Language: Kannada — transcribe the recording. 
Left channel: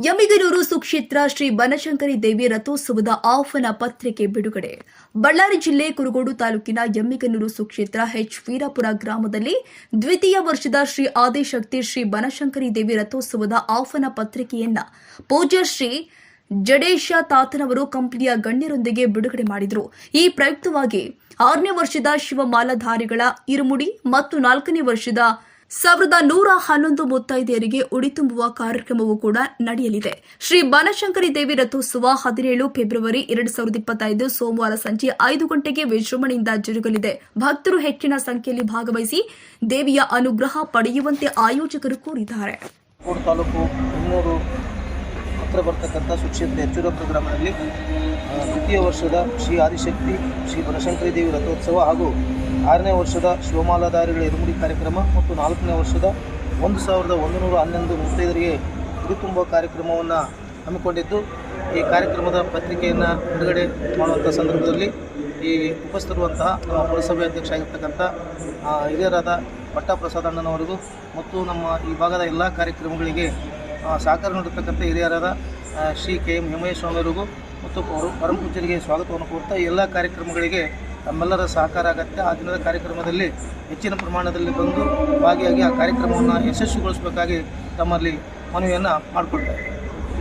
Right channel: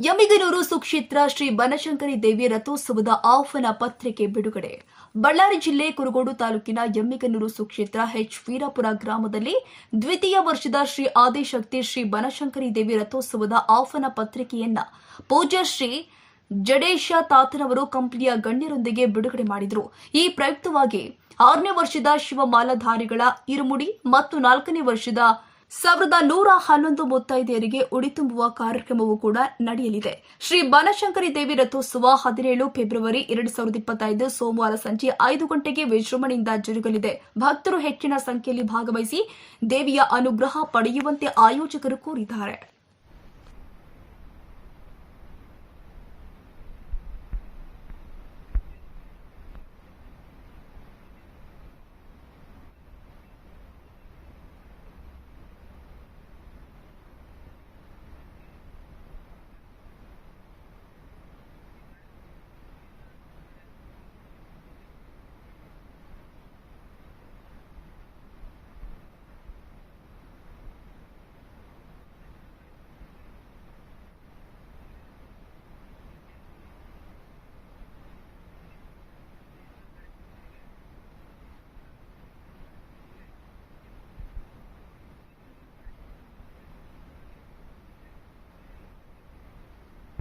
ಯಮಿಗನೂರು ಸುಕ್ಷೇತ್ರ ಶ್ರೀ ಬನಶಂಕರಿ ದೇವಿ ರಥೋತ್ಸವದ ಆಹ್ವಾನ ಪತ್ರಿಕೆ ಬಿಡುಗಡೆ. ಬಳ್ಳಾರಿ ಜಿಲ್ಲೆ ಕುರುಗೋಡು ತಾಲೂಕಿನ ಯಮ್ಮಿಗನೂರು ಸುಕ್ಷೇತ್ರ ಎಚ್ ವೀರಾಪುರ ಗ್ರಾಮದಲ್ಲಿ ದ್ವಿತೀಯ ವರ್ಷದ ಶ್ರೀ ಆದಿಶಕ್ತಿ ಶ್ರೀ ಬನಶಂಕರಿ ದೇವಿ ರಥೋತ್ಸವದ ಆಹ್ವಾನ ಪತ್ರಿಕೆಯನ್ನ ಪೂಜ್ಯ ಶ್ರೀ ಜಡೇಶ ತಾತನವರು ಕಂಪನಿಯ ಗಣ್ಯರೊಂದಿಗೆ ಬಿಡುಗಡೆ ಮಾಡಿದರು. ಈ ಪ್ರಯುಕ್ತವಾಗಿ ಆರನೇ ವರ್ಷದ ಶಿವಮಾಲಾಧಾರಿಗಳ ಇರುಮುಡಿ ಮತ್ತು ನಾಲ್ಕನೇ ವರ್ಷದ ಸಾವಿರದ ನೂರ ಹನ್ನೊಂದು ಮುತ್ತೈದೆಯರಿಗೆ ಉಡಿ ತುಂಬುವ ಕಾರ್ಯಕ್ರಮವೂ ಕೂಡ ನಡೆಯಲಿದೆ. ಶ್ರೀ ಬನಶಂಕರಿ ದೇವಿ ರಥೋತ್ಸವ ಹದಿನೇಳು ಫೆಬ್ರವರಿ ಎರಡು ಸಾವಿರದ ಇಪ್ಪತ್ತೈದು ಸೋಮವಾರ ಸಂಜೆ ಐದು ಗಂಟೆಗೆ ವಿಜೃಂಭಣೆಯಿಂದ ಜರುಗಲಿದೆ. ಭಕ್ತರು ಹೆಚ್ಚಿನ ಸಂಖ್ಯೆಯಲ್ಲಿ ಭಾಗವಹಿಸಿ ದೇವಿಯ ಅನುಗ್ರಹ ಪಡೆಯುವಂತೆ ಆಯೋಜಕರು ಕೋರಿದ್ದಾರೆ. ಹತ್ತಿರ ಬರ್ತಕ್ಕಂಥ ಸುಕ್ಷೇತ್ರ ಹೆಚ್ಚುರ ಪ್ರೋಗ್ರಾಮ್ನಲ್ಲಿ ತೃತೀಯ ದ್ವಿತೀಯ ವರ್ಷದ ಶ್ರೀ ಆದಿಶಕ್ತಿ, ಶ್ರೀ ಬನಶಂಕರಿ ದೇವಿ ರಥೋತ್ಸವ ಹಾಗೂ ಆರನೇ ವರ್ಷದ ಶಿವಮಾಲಾಧಾರಿಗಳ ಇರುಮುಡಿ ಕಾರ್ಯಕ್ರಮ ಮತ್ತು ನಾಲ್ಕನೇ ವರ್ಷದ ಒಂದು ಸಾವಿರದ ಒಂದು ನೂರ ಹನ್ನೊಂದು ಮುತ್ತೈದರಿಗೆ ಗುರುತುಂಬ ಕಾರ್ಯಕ್ರಮವನ್ನು ಹಮ್ಮಿಕೊಂಡಿದ್ದು, ಈ ಕಾರ್ಯಕ್ರಮದ ಪತ್ರಿಕೆಯನ್ನು ಬಿಡುಗಡೆ ಮಾಡುವಂಥ ಸಂದರ್ಭದಲ್ಲಿ ಈ ಉಪಸ್ಥಿರುವಂತಹ ನಮ್ಮ ಪುರಸಭೆ ಅಧ್ಯಕ್ಷ ಆಗಿರ್ತಕ್ಕಂಥ ಹಿರಿಯರಾದ ಪಟ್ಟಪ್ರಸಾದ್ ಅಣ್ಣನವರಿಗೂ ಮತ್ತು ನಮ್ಮ ಈ ಭಾಗದ ಎಲ್ಲ ಕಾರ್ಯಕ್ರಮಗಳಿಗೆ ಸಹಕಾರ ನೀಡತಕ್ಕಂಥ ಹಿರಿಯರಾದ ಶ್ರೀ ಕೆ ಎಂ ಹೇಮಯ್ಯ ಸ್ವಾಮಿಯವರಿಗೂ ಮತ್ತು ಅವರು ಪರಮ ಪೂಜರಿಗೆ ಸ್ವಾಗತವನ್ನು ಕೋರ್ತಾ ಎಲ್ಲ ಕಾರ್ಯಕ್ರಮಗಳಿಗೆ ತಮ್ಮೆಲ್ಲರ ಸಹಕಾರ ಅಗತ್ಯ. ಆ ದಿನದ ಕಾರ್ಯಕ್ರಮದಲ್ಲಿ ಹೆಚ್ಚಿನ ಪ್ರಮಾಣದಲ್ಲಿ ಬಂದು ಭಾಗಿಯಾಗಿ ಆ ಕಾರ್ಯಕ್ರಮವನ್ನು ಯಶಸ್ವಿಗೊಳಿಸಬೇಕಾಗಿ ತಮ್ಮಲ್ಲಿ ಮನವಿಯನ್ನು ಮಾಡಿಕೊಳ್ತಾರೆ